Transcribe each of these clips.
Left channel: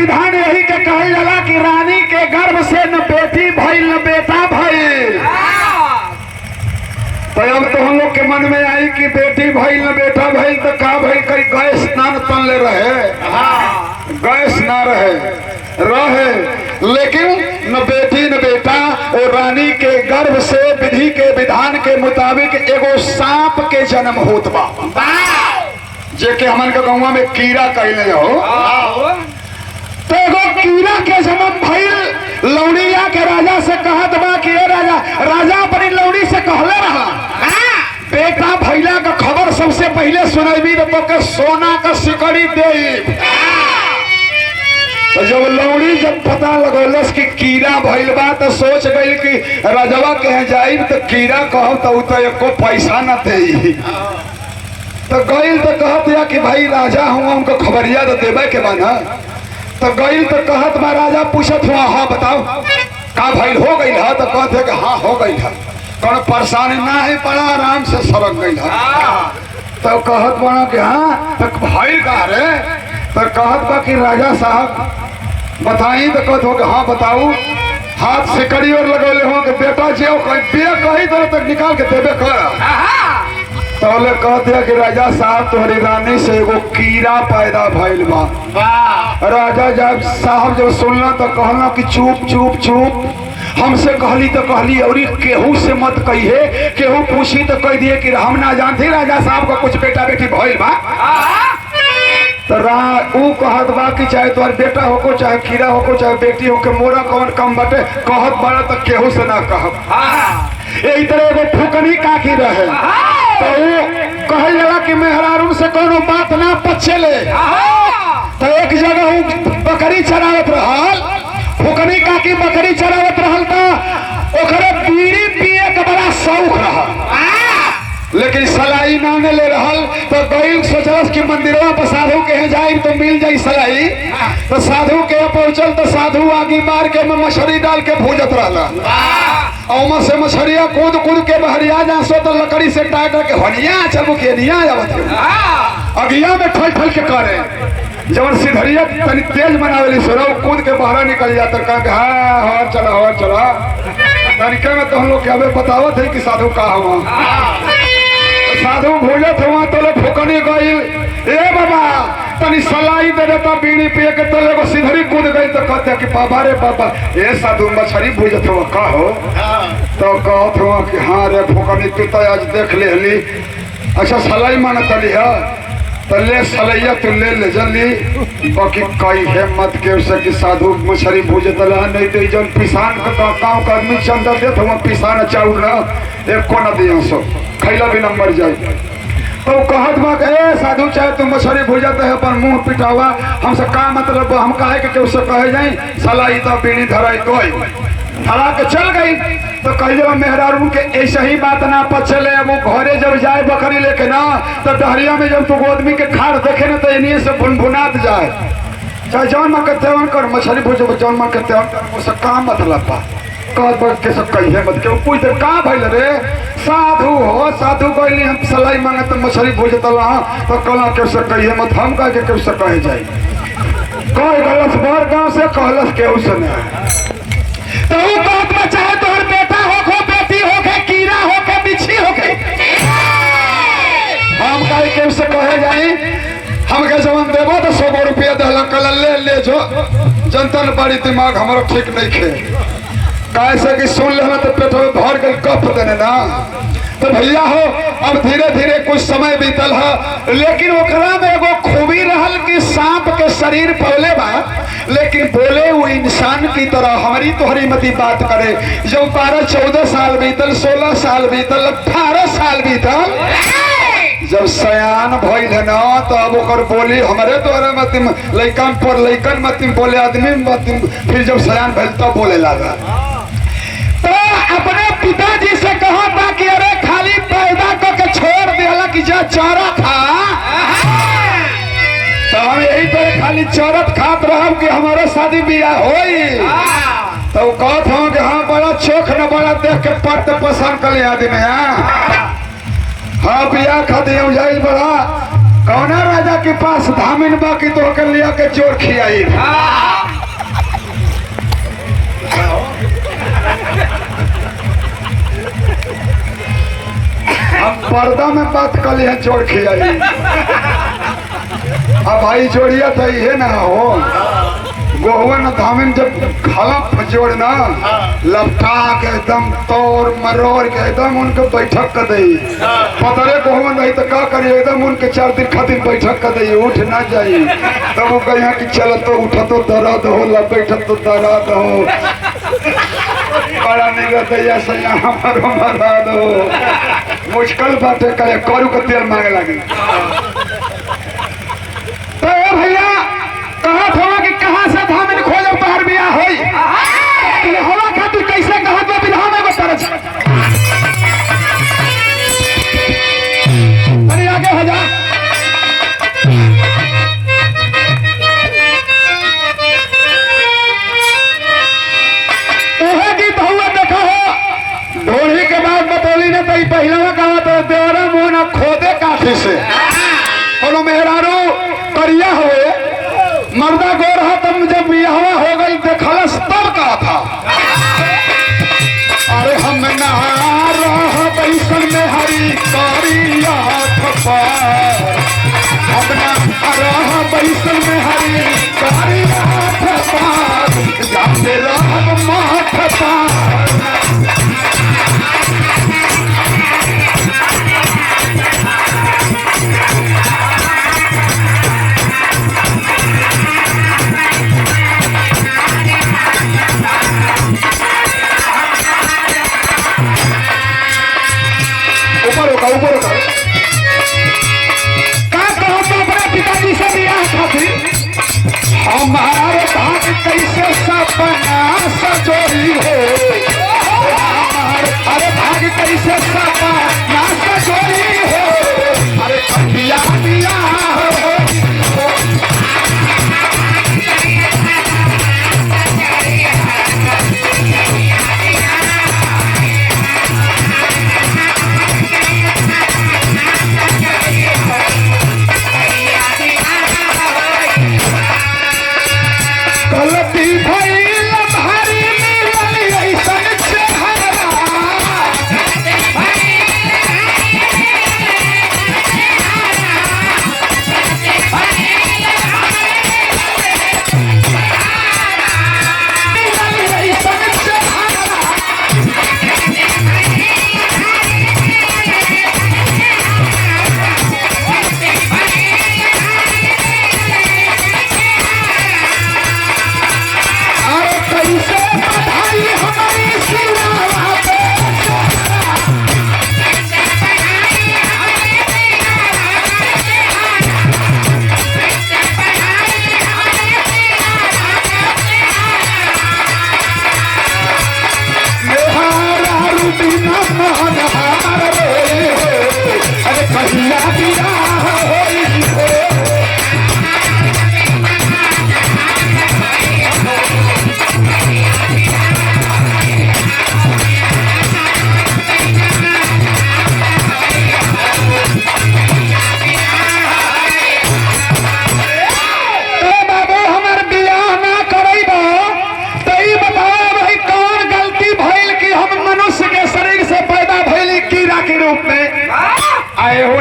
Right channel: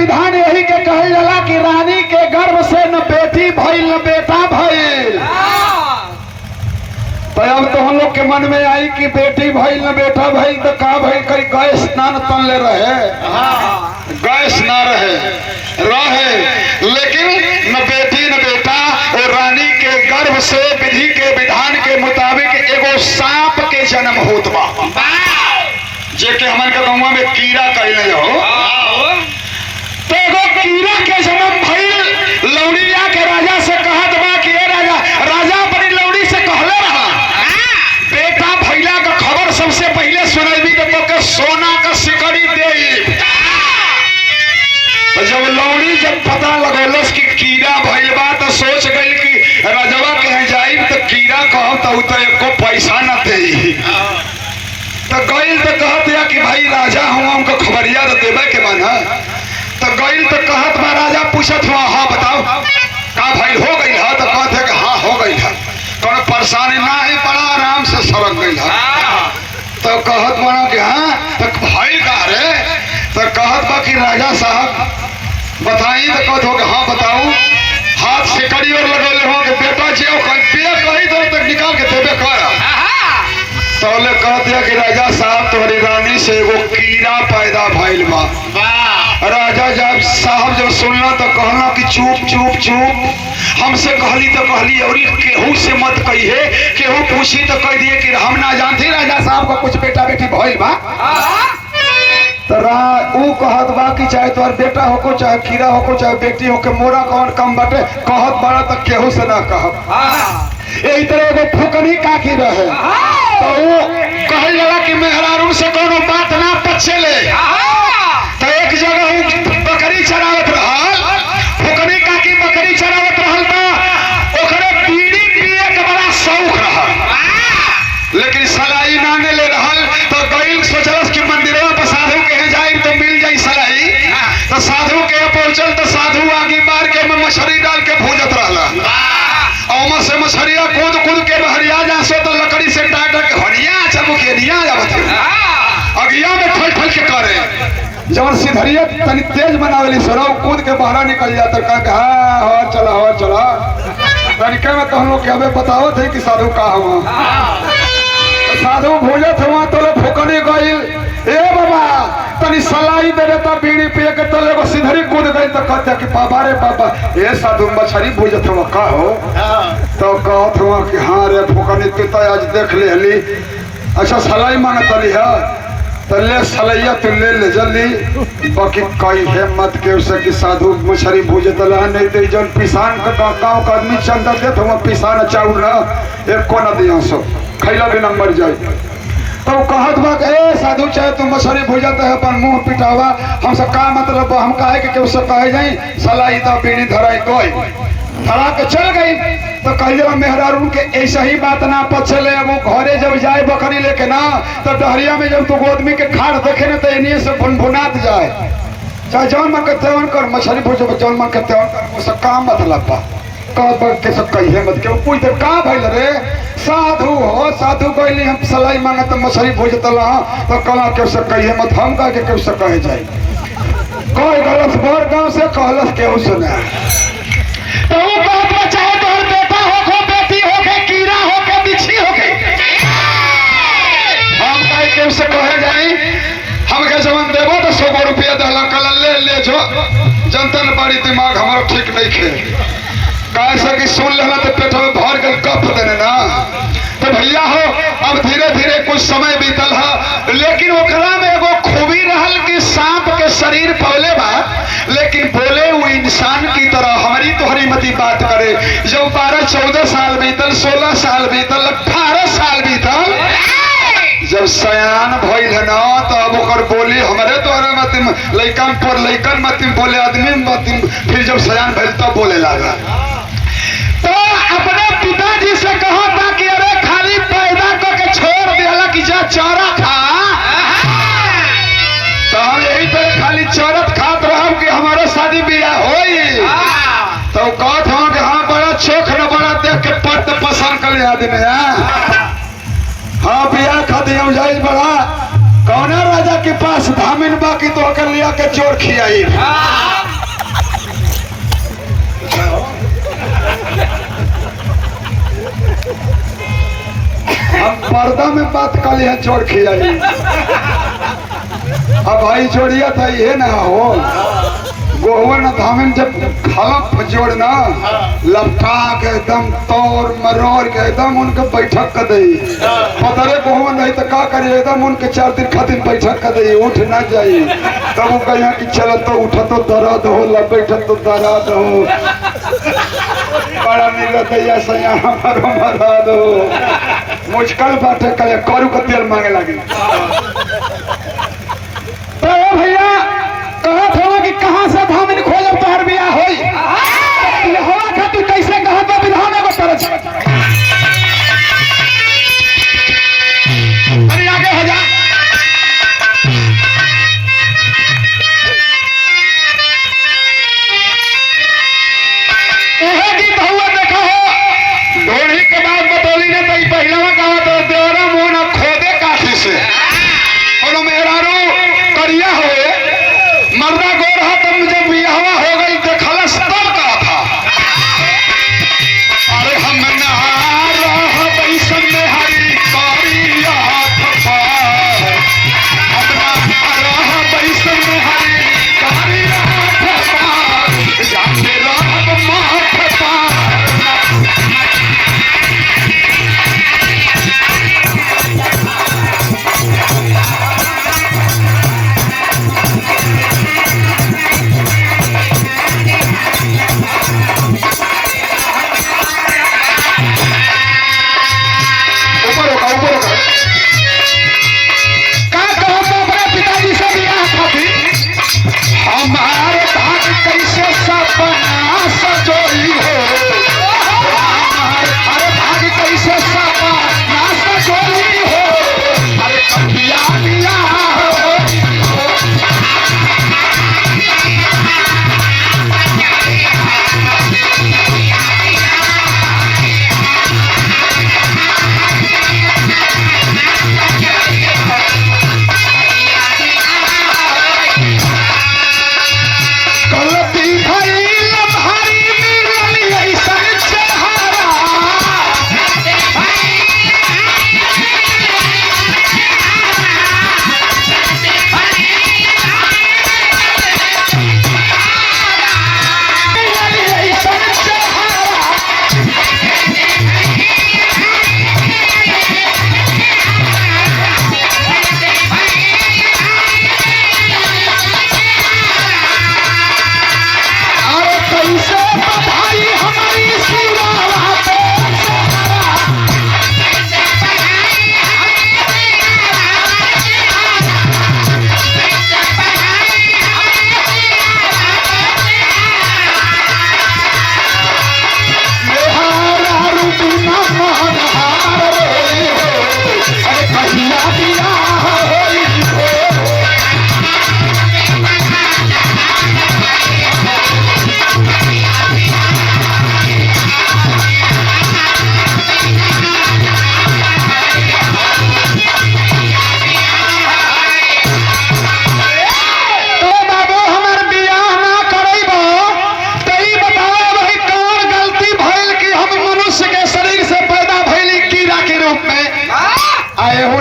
विधान यही के कहल जाला कि रानी के गर्भ से न बेटी भइल न बेटा भइल। तो अब तो हम लोग के मन में आई कि बेटी भइल न बेटा भइल तो का भइल, कई गैस स्नान तन ले रहे, गैस ना रहे, लेकिन न बेटी न बेटा। और रानी के गर्भ से विधि के विधान के मुताबिक एगो सांप के जन्म होत बा, जेके हमन के गौवा में कीड़ा कहले हो। तो एगो कीड़ा के जन्म भइल। लौड़िया के राजा से कहत बा कि ए राजा, राजा अपनी लौड़ी से कहले रहा बेटा भैला का खबर सबसे पहले सुनैबी तो के सोना का सिकड़ी दे। तो जब लौड़ी जब पता लगौलस कि कीड़ा भइल बा तो सोच गई कि राजवा कहे जाइब तो कीड़ा कहब तो एको पैसा न दे। तो गईल तो कहत या कि भाई राजा हुआ उनको खबरिया तो देवे के बा। तो गईल तो कहत बा, राजा पूछत हुआ हाँ बताओ का भइल हो गई है। तो कहते कि हाँ हो गई है, कोनो परेशानी ना है, बड़ा आराम से सरक गई है। तो कहत बना कि हाँ तो भइल का रे। तो कहत बा कि राजा साहब बताई। तो कहत हो कि हाँ बताऊ। हाथ सिकड़ी और लगेले हो कि बेटा जी कही तो तक निकाल के देवे कर। तो कहत है कि राजा साहब तुम्हारी रानी से एगो कीड़ा पैदा भइल बा। राजा जब साहब जब सुनला तो कहला कि चुप चुप चुप। हमसे कहली तो कहली और केहू से मत कहिए, केहू पूछी तो कह दिए कि हम ना जानते राजा साहब का कुछ बेटा बेटी भइल बा। तो ऊ कहत बा कि चाहे तुम्हार बेटा होको चाहे कीड़ा होको चाहे बेटी होके मोरा कौन कम बटे कहत बड़ा तो केहू से ना कहब। यही तरह एगो फुकनी काकी रहे। तो कहल जाला कि मेहरारू से कोनो बात ना पचेले। तो एक जगह बकरी चरावत रहल, फुकनी काकी बकरी चरावत रहल तो ओकरे बीड़ी पिए के बड़ा शौक रहल, लेकिन सलाई मांगे ले रहल। तो गईल सोचलस कि मंदिरवा पर साधु के जाई तो मिल जाई सलाई। तो साधु के पहुंचल तो साधु आगे मार के मछली डाल के भूजत रहला। और से मछलिया कूद कूद के बहरिया जा सो तो लकड़ी से टाट के हनिया चबू के निया जावत अगिया में ठल ठल के करे। जब सिधरिया तनी तेज बनावेली सरो कूद के बहरा निकल जाता कह हाँ चला तरीके में तो हम लोग के बतावत है कि साधु का हुआ। साधु भूजत हुआ तो ले फुकनी गईल, ए बाबा तनी सलाई दे देता बीड़ी पिए के तो ले सिधरी कूद गई। तो कहते कि बाबा रे बाबा ए साधु मछली भूजत हुआ का हो। तो कहत हुआ कि हाँ रे फुकनी तू तो आज देख ले हली। अच्छा सलाई मांगे तली है तो ले सलैया तू ले जल्दी। बाकी कई है मत के उसे कि साधु मछली भूजत नहीं दे जो पिसान का गाँव का आदमी चंदा दे तो पिसान चाउर ना एक को न दिया सो खैला भी नंबर जाए। तो कहत बा ए साधु चाहे तुम मछली भूजत है पर मुंह पिटावा हमसे का मतलब हम कहे कि उससे कहे जाए सलाई तो बीड़ी धराई कोई धरा के चल गई। तो कह जरा मेहरारू के ऐसा ही बात ना पचले। वो घरे जब जाए बकरी लेके ना तो डहरिया में जब तू आदमी के खाड़ देखे ना तो इन्हीं से भुनभुनात जाए। चाहे जौन मन करते कर मछली भूजो जौन मन करते कर उससे का मतलब बा के सब कहिए मत क्यों पूछ दे का भइल रे। साधु हो साधु कहली हम सलाई मांगे तो मछली भूजत तो कला के से कहिए मत हम कह के से कहे जाए कोई गलत बर गांव से कहलस केहू से ना। तो वो बात में चाहे तोहर बेटा हो बेटी हो के कीड़ा हो के बिच्छी हो के हम कहे केहू से कहे जाए हमके जवन देबो तो 100 रुपया दहला कल ले जो जनता ने बड़ी दिमाग हमारा ठीक नहीं खे कैसे कि सुन लेना तो पेट में भर गल कप देने ना। तो भैया हो अब धीरे धीरे कुछ समय बीतल है लेकिन ओकरा में एगो खूबी रहल कि सांप के शरीर पौले बा लेकिन बोले वो इंसान की तरह हमारी तोहरी मती बात करे। जब 12-14 साल बीतल 16 साल बीतल 18 साल बीतल जब सयान भइल है ना तो अब ओकर बोली हमारे द्वारा मतिम लइकन पर लइकन मतिम बोले आदमी मतिम फिर जब सयान भइल तब बोले लगा। तो अपने पिताजी से कहा था कि अरे खाली पैदा करके छोड़ दिया कि जा चारा खा। तो हम यही तरह खाली चरत खात रहब कि हमारा शादी ब्याह होई। तो कहत हूँ कि हाँ बड़ा चोख न बड़ा देख के पट पसंद कर आदमी हाँ ब्याह खाती हम जाइल बड़ा कौना राजा के पास धामिन बाकी तो लिया के चोर खियाई। हम पर्दा में बात कर लिए जोड़ खियाई। अब भाई जोड़िया तो ये ना हो गोवन धामिन जब खाला जोड़ना लपटा के एकदम तोड़ मरोड़ के एकदम उनके बैठक कर दी पतरे गोवन नहीं तो का करिए एकदम उनके 4 दिन खातिर बैठक कर दी उठ ना जाई तब वो कहीं कि चल तो उठा तो दर्द हो बैठा तो दर्द हो बड़ा मिलत है हमारो मदद हो मुश्किल बात है कहे करू के तेल मांगे लगी। तो भैया कहा था कि कहाँ से धामिन खोजब तोहर बियाह होई होला खातिर कैसे कहा के विधान में बता रहे अरे आगे हो जा ओहे गीत हुआ देखो हो ढोड़ी के बाद बतौली ने तो पहला कहा तो देवरा मोहन खोदे काठी से कोनो मेहरारू करिया हुए मर्दा गोर है तब मुझे बियाहवा हो गई देखलस तब कहा था अरे हम ना रह बैसन में हरी करिया हम ना रह बैसन में हरी करिया जाते रह माथपा हमारे भाग कैसे सपना सजोरी हो हमारे भाग कैसे सपना सजोरी हो अरे कठिया दिया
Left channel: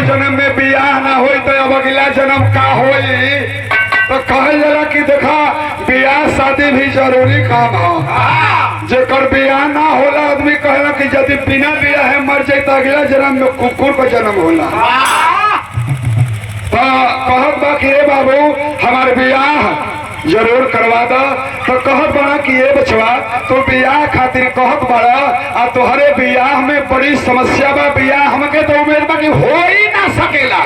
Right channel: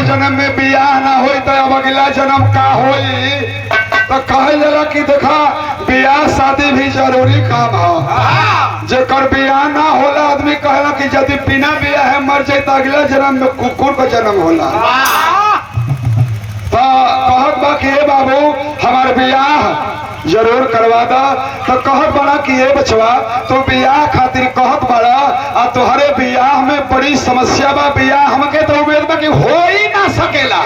जन्म में बियाह ना हो तो अब अगला जन्म का होई तो कहल जाला कि देखा बियाह शादी भी जरूरी काम है जेकर बियाह ना होला आदमी कहला कि यदि बिना बियाह है मर जाए तो अगला जन्म में कुकुर का जन्म होला तो कहत बा कि हे बाबू हमारे बियाह जरूर करवा दा तो कहत बड़ा कि ये बचवा तो बियाह खातिर कहत बड़ा आ तोहरे बियाह में बड़ी समस्या बा बियाह हमके तो उम्मीद बा कि हो ही ना सकेला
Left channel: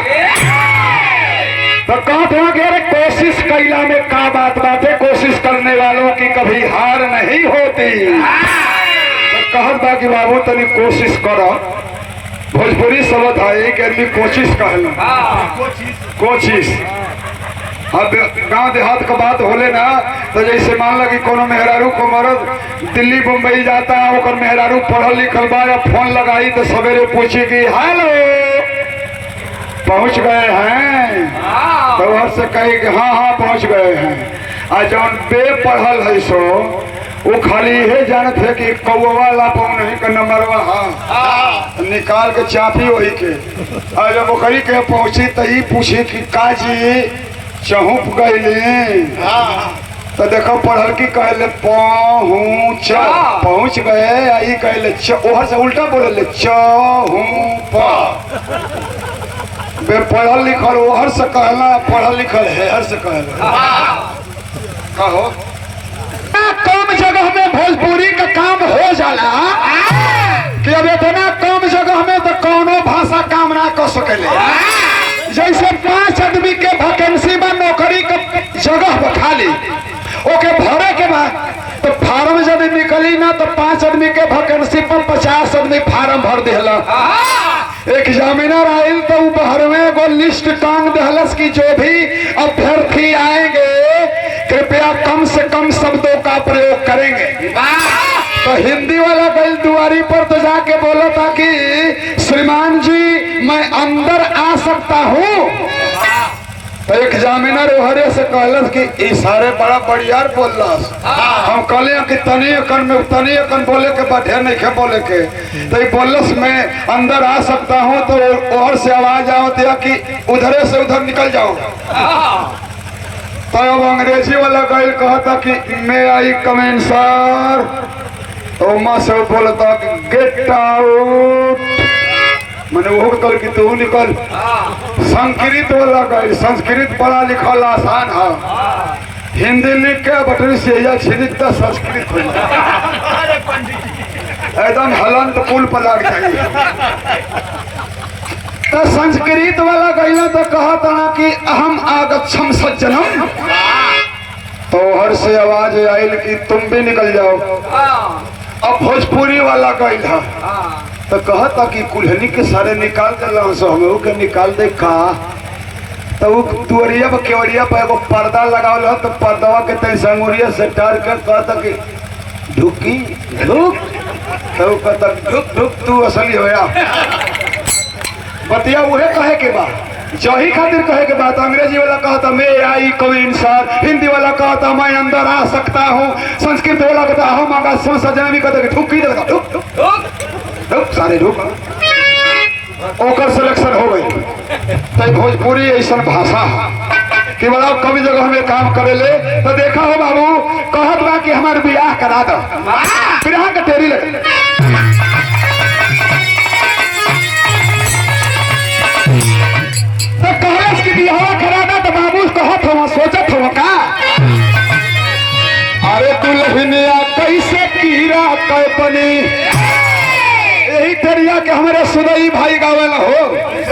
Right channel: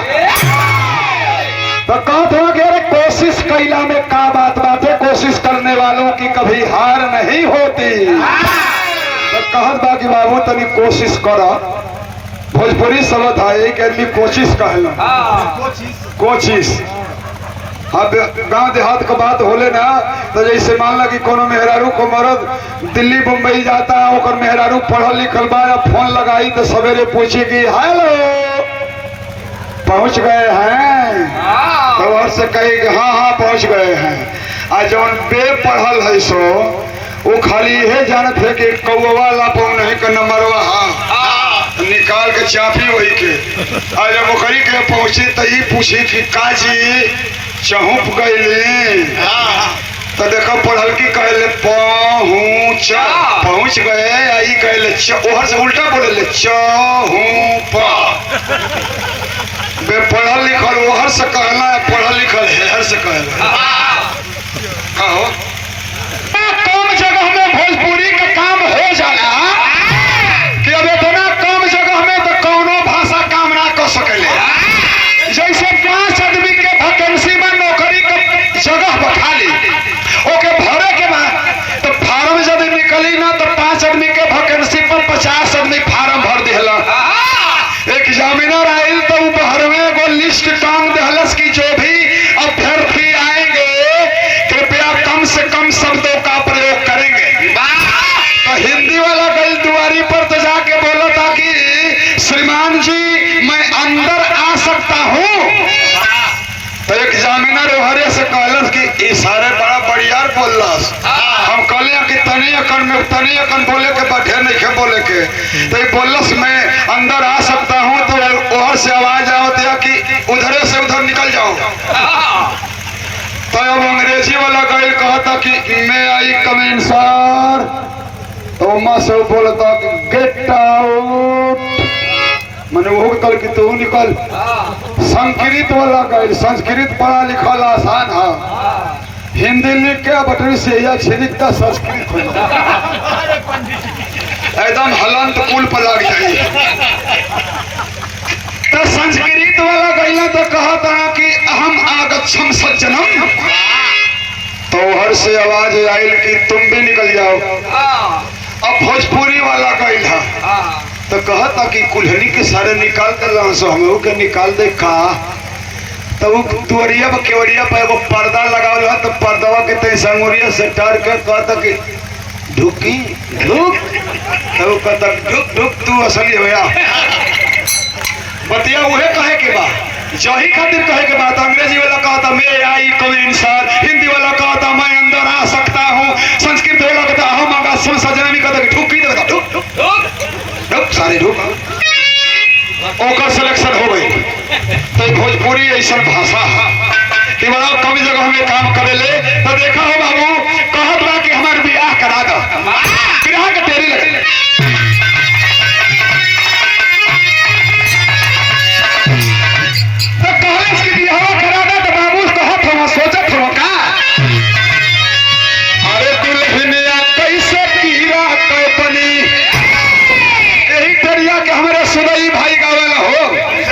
तो कहत हो कि कोशिश कैला में का बात बात है कोशिश करने वालों की कभी हार नहीं होती तो कहत बा कि बाबू तनी कोशिश करो भोजपुरी शब्द है एक आदमी कोशिश कहला कोशिश अब गांव देहात का बात होले ना तो जैसे मान ला कि कोनो मेहरारू को मरद दिल्ली मुंबई जाता और मेहरारू पढ़ल लिखल बा फोन लगाई तो सवेरे पूछी कि हेलो पहुंच गए हैं तो वहां से कही कि हाँ हाँ पहुंच गए हैं आज जौन बेपढ़ल है सो वो खाली है जानत है कि कौवा ला नहीं का नंबर निकाल के चापी वही के अरे मुखरी के पहुंची तो ये पूछी कि काजी चहुप गई तो देखो पढ़ल की कहले पहुंच गए आई कहले ओहर से उल्टा बोले चहुप बे पढ़ल लिखल ओहर से कहना पढ़ल लिखल हेहर से कहना कहो कम जगह में भोजपुरी का काम हो जाला कि अब इतना कम जगह में तो कौनो भाषा काम ना कर सकेले। जैसे 5 आदमी के वैकेंसी में नौकरी का जगह बखाली ओके भरे के बाद तो फार्म यदि निकली ना तो 5 आदमी के वैकेंसी पर 50 आदमी फार्म भर दिहला। एग्जामिनर आयल तो बहरवे गो लिस्ट टांग दिहलस की जो भी अभ्यर्थी आएंगे कृपया कम से कम शब्दों का प्रयोग करेंगे। तो हिंदी वाला गई दुआरी पर तो जाके बोला था कि श्रीमान जी मैं अंदर आ सकता हूँ। तो एग्जामिनर हरे से कहलस कि इशारे बड़ा बढ़िया बोलस। हम कहले कि तनी अकन बोले के बैठे नहीं के बोले के तो ये बोलस मैं अंदर आ सकता हूँ। तो वहां से आवाज आवत है कि उधरे से उधर निकल जाओ। तो अब अंग्रेजी वाला गाइल कहता कि मैं आई कमेंट सर तो वहां से बोलता गेट आउट मैंने वो कल कि तू निकल। संस्कृत वाला गाइल संस्कृत पढ़ा लिखल आसान है हिंदी लिख के बटरी से या छिड़कता संस्कृत एकदम हलंत पुल पर लग जाए। तो संस्कृत वाला गैला तो कहता है कि अहम आगच्छम सज्जनम। तो हर से आवाज आयल कि तुम भी निकल जाओ। अब भोजपुरी वाला गैला तो कहता कि कुल्हनी के सारे निकाल दे हम के निकाल दे का। तो दुआरिया पर केवड़िया पर एगो पर्दा लगावल है तो पर्दवा के तई संगोरिया से टार के कहता कि ढुकी ढुक तो कहता ढुक ढुक तू असली होया। बतिया उहे कहे के बाद जही खातिर कहे के बाद अंग्रेजी वाला कहता मैं आई कमीन सर। हिंदी वाला कहता मैं अंदर आ सकता हूँ। संस्कृत वाला कहता हम आगा संसद में कहता कि ढुकी देता ढुक ढुक ढुक सारे ढुक ओकर सिलेक्शन हो गई। तो भोजपुरी ऐसा भाषा है कि बड़ा कम जगह में काम करे ले। तो देखा हो बाबू कहत बा कि हमारे बियाह करा दो बियाह के तेरी लगे तो कहलस कि बियाह करा दो। तो बाबू कहत हो सोचत हो का अरे दुल्हनिया कैसे कीरा कैपनी यही तरिया के हमारे सुरई भाई गावेला हो।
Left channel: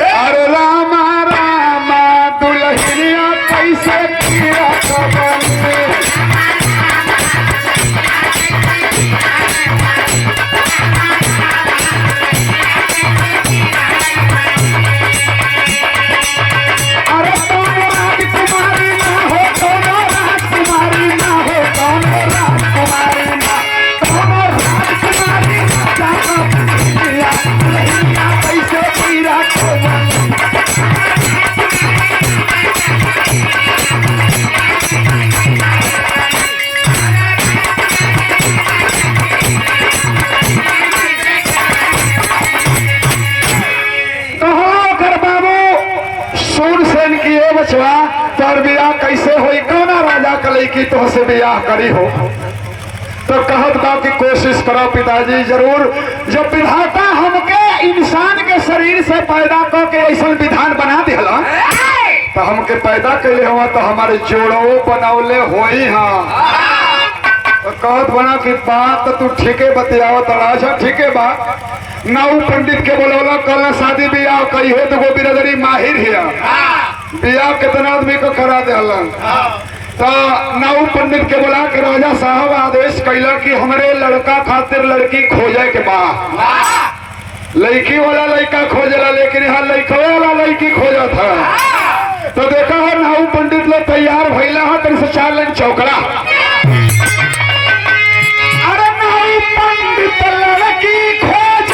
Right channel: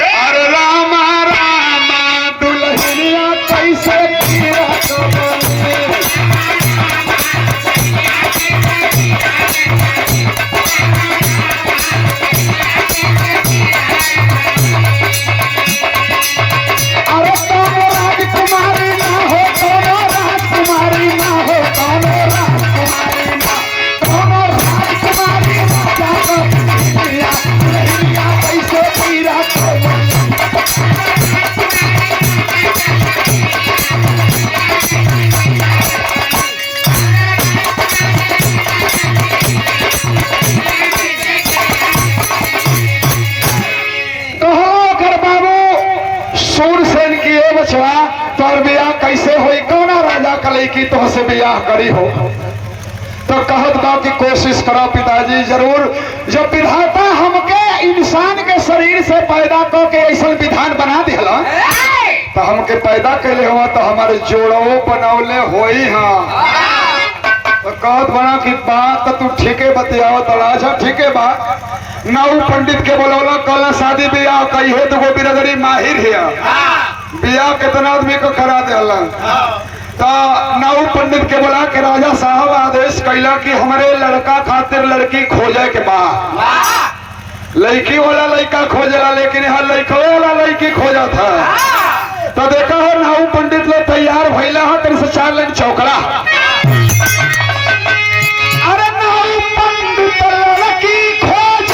अरे रामा रामा दुल्हनिया कैसे कीरा कैपनी अरे कोनो राजकुमारी ना हो कोनो राजकुमारी ना हो कोनो राजकुमारी ना कोनो राजकुमारी ना कैसे कीरा तोर बियाह कैसे होई कौना राजा कलई की तो से बियाह करी हो। तो कहत बा कि कोशिश करो पिताजी जरूर जब विधाता हमके इंसान के शरीर से पैदा करके ऐसा विधान बना दिला तो हमके पैदा कैले हुआ तो हमारे जोड़ो बनौले होई हाँ। तो कहत बना कि बात तू ठीके बतियावत अच्छा ठीके बा नाऊ पंडित के बोलौला कल शादी बियाह कही तो वो बिरादरी माहिर है बियाह कितना आदमी को करा दिला। तो नाऊ पंडित के बोला कि राजा साहब आदेश कैला कि हमारे लड़का खातिर लड़की खोजे के बा। लड़की वाला लड़का खोजला लेकिन यहाँ लड़के वाला लड़की खोजा था। तो देखा हो नाऊ पंडित लोग तैयार भैला है तेरे से 4 लाख चौकड़ा। अरे नाऊ पंडित लड़की खोज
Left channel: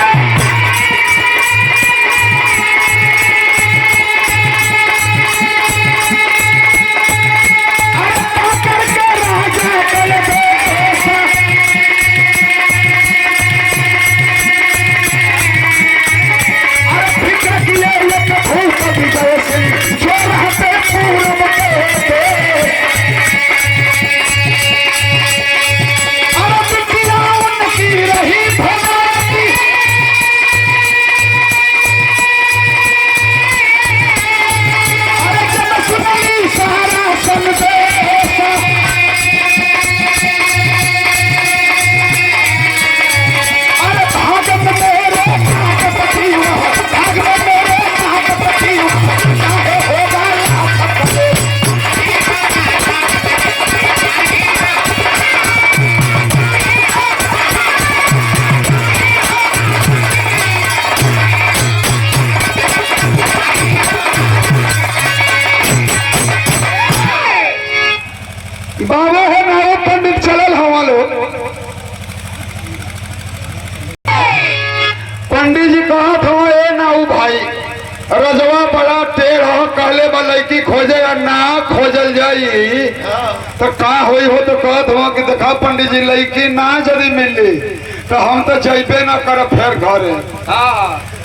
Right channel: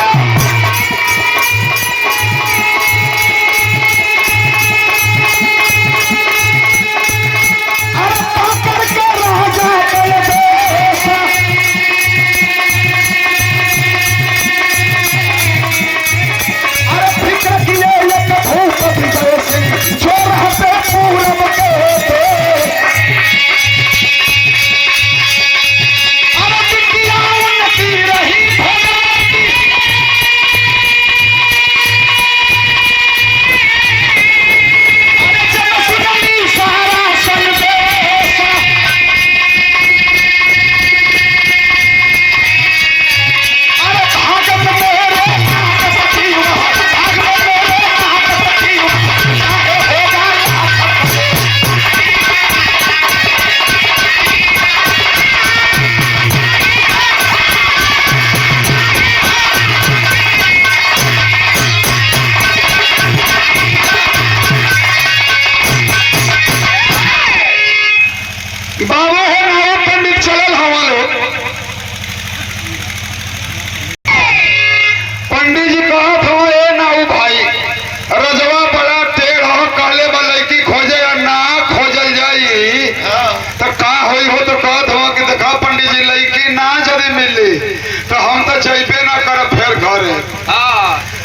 तो चलबे ना कर फिर घरे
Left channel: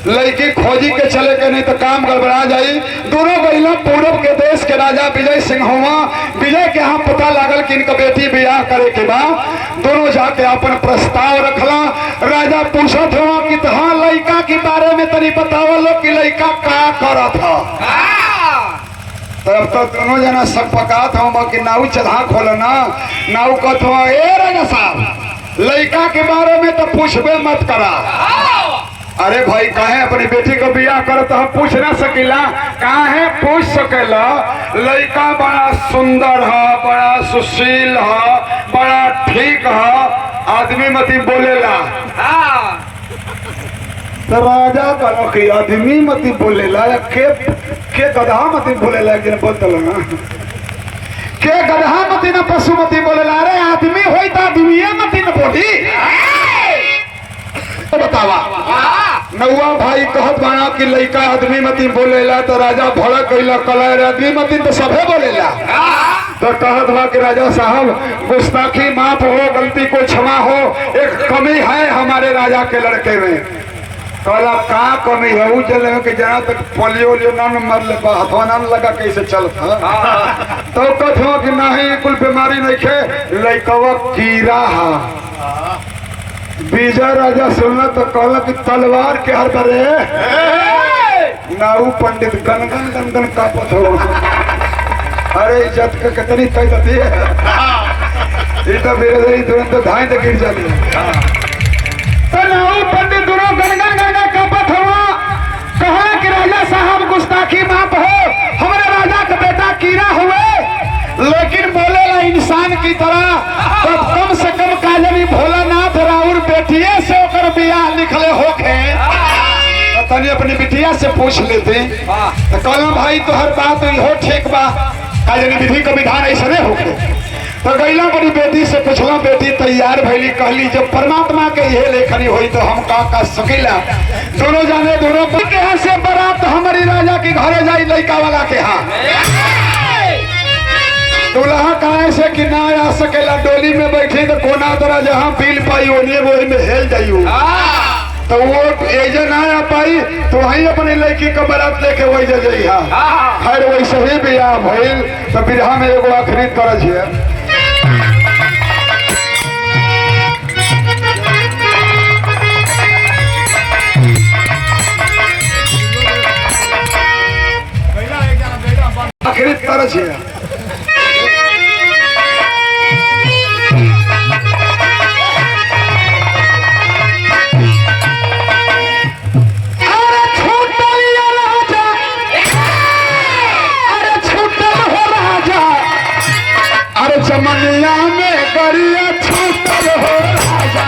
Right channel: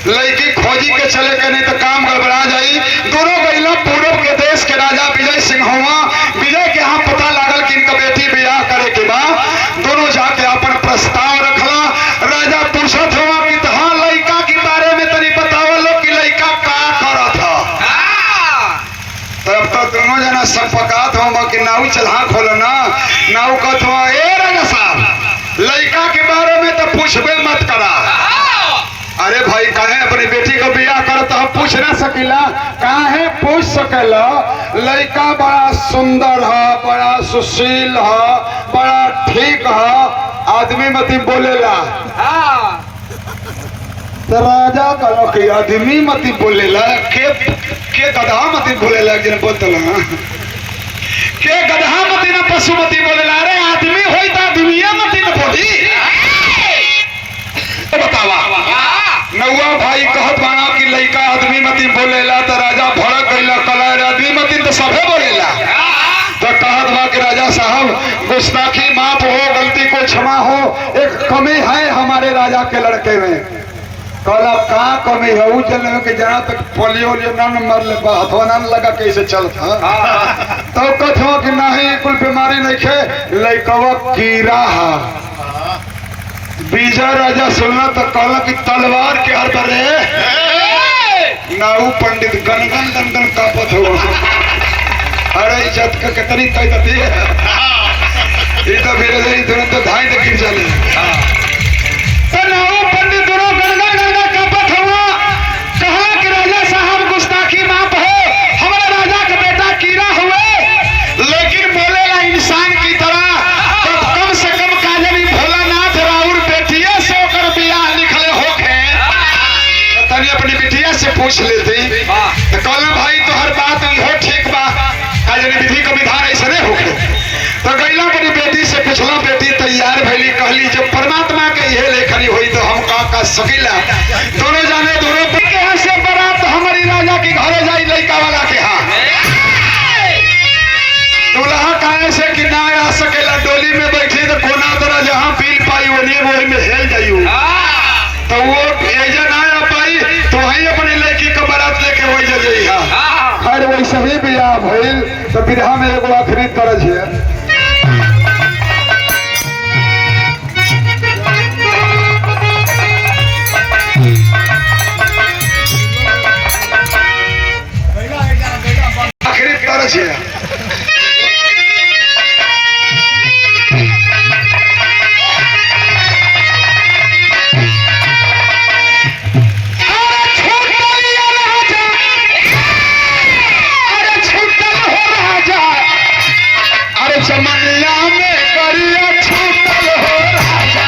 लड़की खोजी के चले के नहीं तो काम गड़बड़ा जाई। दोनों गईला पूर्व के देश के राजा विजय सिंह हुआ। विजय के यहाँ पता लागल कि इनका बेटी ब्याह करे के बा। दोनों जाके अपन प्रस्ताव रखला। राजा पूछत हुआ कि हाँ लड़का के बारे में तनी बतावलो कि लड़का का करत था। तब तो दोनों जना सब पकात हो कि नाऊ चढ़ा खोलो ना। नाऊ कहत हुआ ए राजा साहब लड़का के बारे में तो पूछबे मत करा। अरे भाई कहे अपनी बेटी को बियाह करो तो हम पूछ ना सकीला। कहा है पूछ सकेला। लड़का बड़ा सुंदर है, बड़ा सुशील है, बड़ा ठीक है, आदमी मती बोलेला। तो राजा कहो कि आदमी मती बोलेला के गधा मती बोलेला। जिन बोलते के गधा मती ना पशु मती बोलेला। अरे आदमी हो तो आदमी मती ना बोली। बतावा नौवा भाई कहत बाना कि लड़का आदमी मती बोलेला। तो राजा भड़क गईला कला आदमी मती तो सभे बोलेला। तो कहत बा कि राजा साहब गुस्ताखी माफ हो, गलती को क्षमा हो, एक कमी है हमारे राजा के लड़के में। कहला का कमी है? वो चल के जहाँ तक पोलियो न मर ले हथवा न लगा कैसे चलता। तो कथो कि नहीं कुल बीमारी नहीं खे लड़कवा कीड़ा है। बीजा राजा सुनना तो कहला कि तलवार के हर बरे नाऊ पंडित गनगन गनगन कापत हो। अरे इज्जत का कितनी कहती है इनका बेरोजगारी तुरंत धाई तक गिर चली। तो नाऊ पंडित दोनों गनगन गनगन कापत हुआ। कहा कि राजा साहब गुस्ताखी माफ हो, हमारे राजा का बेटा कीड़ा हुए लेकिन बोलेला इंसान की तरह। तो कम से कम काजनी भोलानाथ राउर बेटिया से होकर बियाह निकले होके तनी अपनी बिटिया से पूछ लेते। तो कहला भाई तो हर बात हो ठीक बा, काजनी विधि का विधान ऐसा नहीं होके। तो गईला अपनी बेटी से पूछला। बेटी तैयार भैली। कहली जब परमात्मा के ये लेखनी हुई तो हम का सकेला। दोनों जाने दोनों के यहाँ से बारात हमारी राजा के घरे जाई लड़का वाला के यहाँ। दूल्हा कहे से कि ना आ सकेला। डोली में बैठे तो कोना तरह जहाँ पील पाई वही में हेल जाइयो। तो वो एजे ना आ पाई तो वही अपनी लड़की का बारात लेके वही जइहा। खैर वैसे ही बियाह भइल। तो बिरहा में एगो आखिरी तरज है। आखिरी तरज है। चमनिया में गरिया छूटल हो राजा।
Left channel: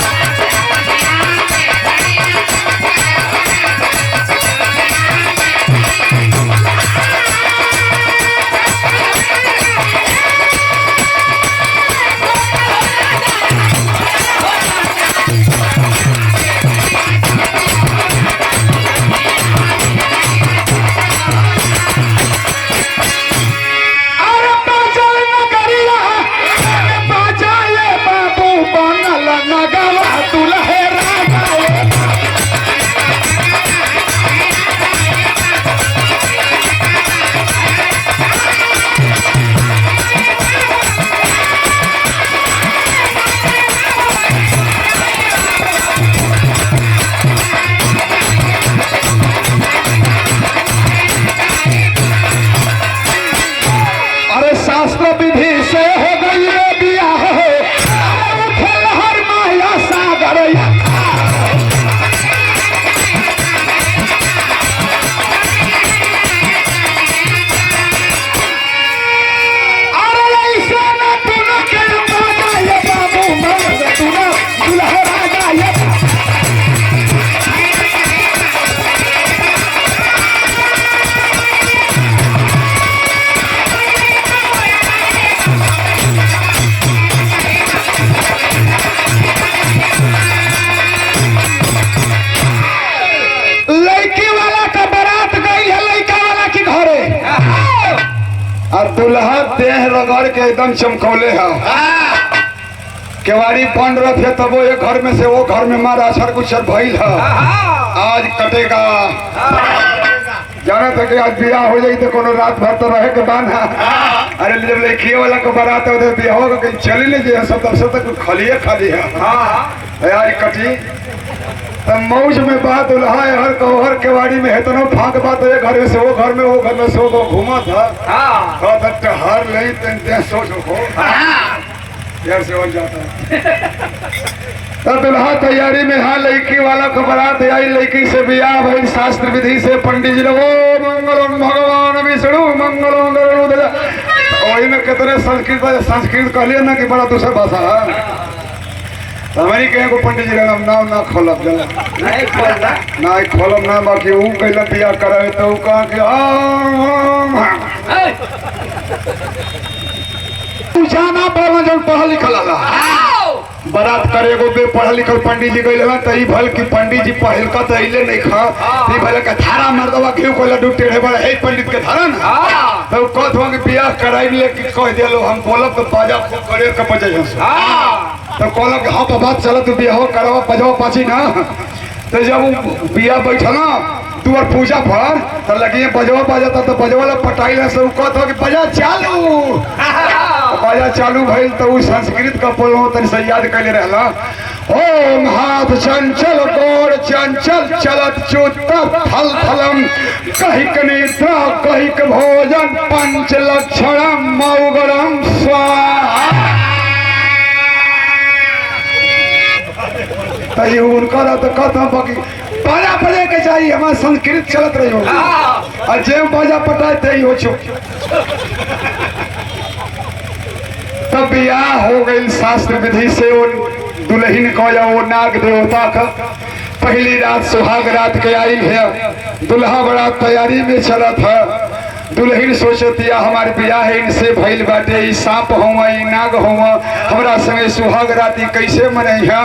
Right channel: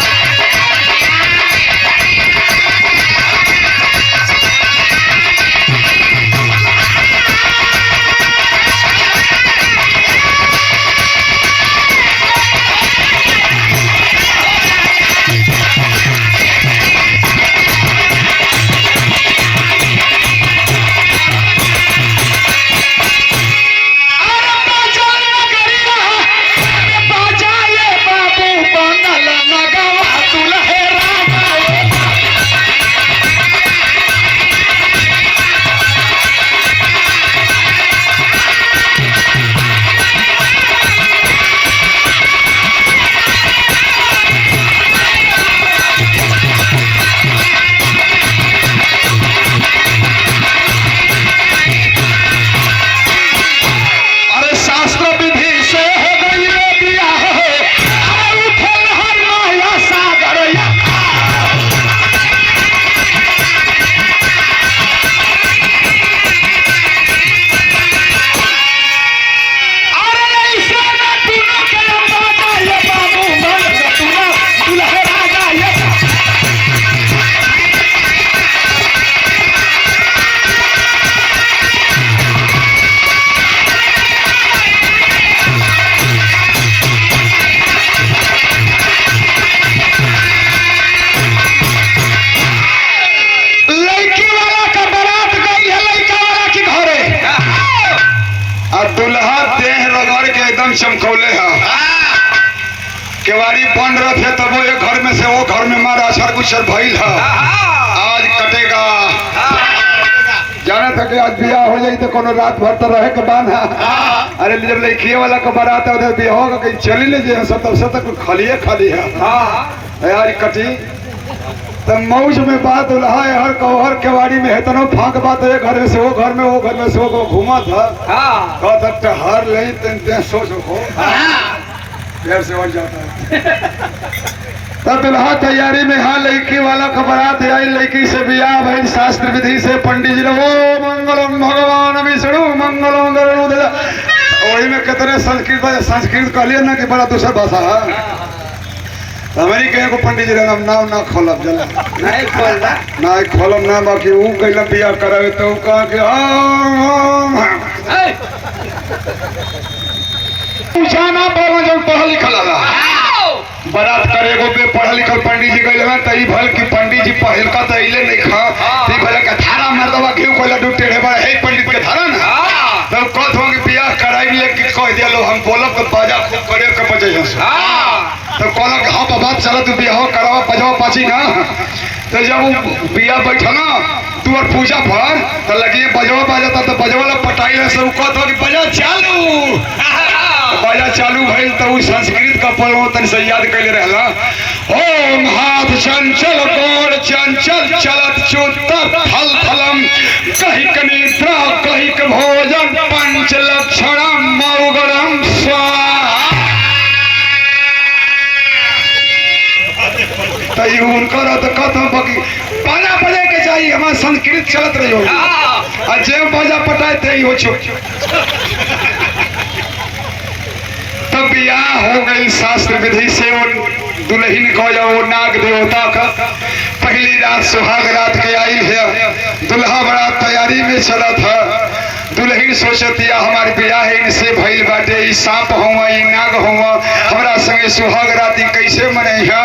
एकदम चमकौले है। केवाड़ी बन रहे थे तब वो एक घर में से वो घर में मारा असर गुसर भइल है। आज कटेगा जाना था कि आज ब्याह हो जाए तो कोनो रात भर तो रहे के बाद है। अरे जब लड़की वाला को बारात है उधर ब्याह होगा कहीं चली नहीं जाए सब तब से तक खाली है। आज कटी तब मौज में बात उल्हा हर कौहर केवाड़ी में है तनो फांक बात है घर में से वो घर में, वो घर में से वो घूमा था। हर ले सोच हो देर से हो जाता है। तब दुल्हा तैयारी में हाँ लड़की वाला का बारात आई, लड़की से बियाह भाई शास्त्र विधि से पंडित जी ने ओ मंगलम भगवान विष्णु मंगलम गरुड़। वही में कितने संस्कृत कहलिए ना कि बड़ा दूसरा भाषा है। हमारी कहे को पंडित जी नाम ना खोलब जला नहीं खोलब ना बाकी वो कैला बियाह करावे तो कहा कि जाना बोला जब पढ़ा लिखल बारात करे गो पे पढ़ा लिखल पंडित जी गए तई भल की पंडित जी पहल का तो अइले नहीं खा ती भले का धारा मर्दवा क्यों कोला डूटे रे बड़ा हे पंडित के धारा ना तो कहत होंगे बियाह कराई ले कि कह देलो हम बोलब तो बाजा खूब करे के बजे तो कहला कि हाँ बाबा चलो तू बियाह करावा बजवा पाची ना। तो जब बियाह बैठा ना तू और पूजा पर तो लगी बजवा बाजा तो बजवा पटाई से कहत हो कि बजा चालू बाजा चालू भइल तो उ संस्कृत का पढ़ो तन से याद कैले रहला। ओम हाथ चंचल गोड़ चंचल चलत चुत्तर थल थलम कहिक निद्रा कहिक भोजन पंच लक्षणम मौगरम स्वाहा। तई उनकर तो कहता बाकी 12 बजे के चाहिए हमारा संस्कृत चलत रही होगी और जे बाजा पटाए थे हो चुप। तब बियाह हो गई शास्त्र विधि से दुल्हन को जाओ नाग देवता का पहली रात सुहाग रात के आई है। दुल्हा बड़ा तैयारी में चला था। दुल्हन सोचतिया हमारे बियाह इनसे भइल बाटे ई सांप हुआ ई नाग हुआ हमरा संगे सुहाग रात कैसे मनई है।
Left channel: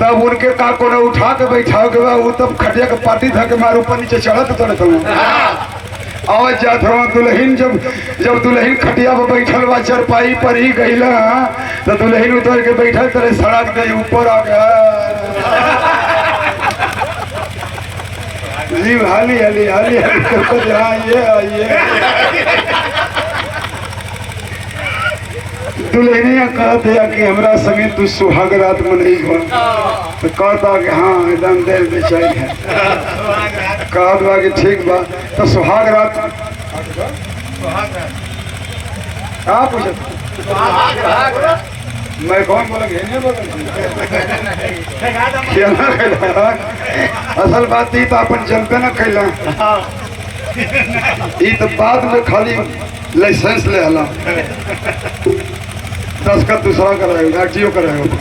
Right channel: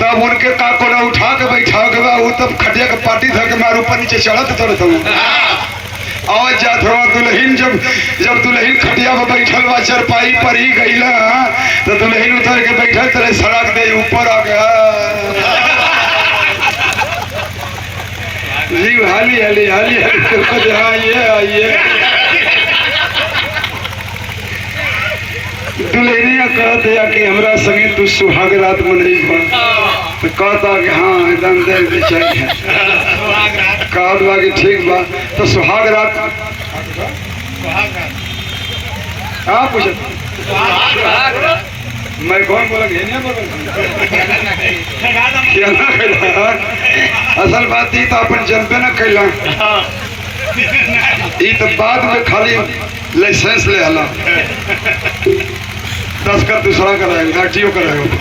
तब उनके का कोनो उठा के बैठा के बा तब खटिया के पार्टी था के मार ऊपर नीचे चढ़त आवाज जात हो। दुल्हन जब दुल्हन खटिया पर बैठल बा चरपाई पर ही गईला तो दुल्हन उतर के बैठल तेरे सड़क दे ऊपर आ गया जी हाली हाली हाली हाली आइए दुल्हनिया कहत है कि हमरा संगे तू सुहाग रात मनई तो कहता कि हाँ एकदम दिल में चाहिए कहत बा कि ठीक बा तो सुहाग रात कहाँ पूछत मैं कौन बोला असल बात ही तो अपन जनते न कैला तो बाद में खाली लाइसेंस ले आला दस्खत दूसरा कराएगा आरटीओ कराएगा।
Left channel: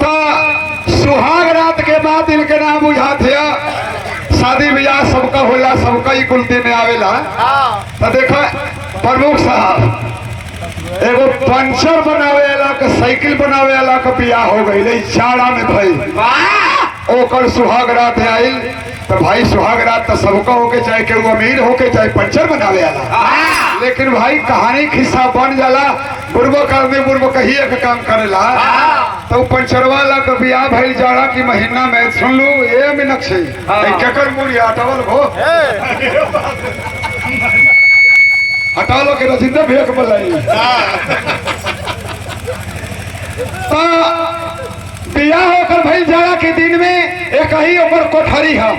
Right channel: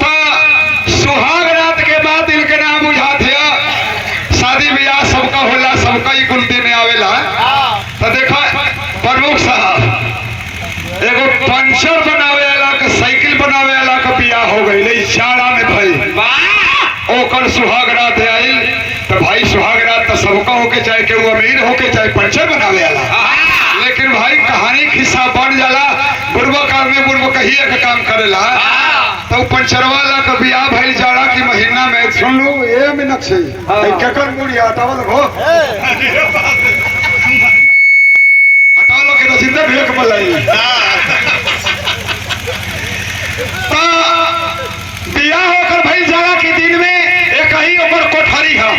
तो सुहाग रात के बाद इनके नाम बुझा थे शादी ब्याह सबका होला सबका ही कुल दिन आवेला। तो देखो प्रमुख साहब एगो पंचर बनावे वाला के साइकिल बनावे वाला का बियाह हो गई जाड़ा में भाई ओकर सुहाग रात आयल। तो भाई सुहाग रात तो सबका होके चाहे के वो अमीर होके चाहे पंचर बनावे वाला लेकिन भाई कहानी खिस्सा बन जाला बुर्बक आदमी बुर्बक ही एक काम करेला। तो पंचर वाला का बियाह भाई जाड़ा की महीना में सुन लो ये मीनाक्षी केकर मुड़ी हटावल हो हटा लो के रसीदे भेक बलाई तो बियाह होकर भाई जाड़ा के दिन में एक ही ऊपर कोठरी है